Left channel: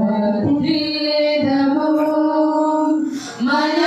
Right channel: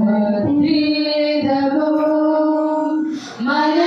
వర్ధిల్లెదము మన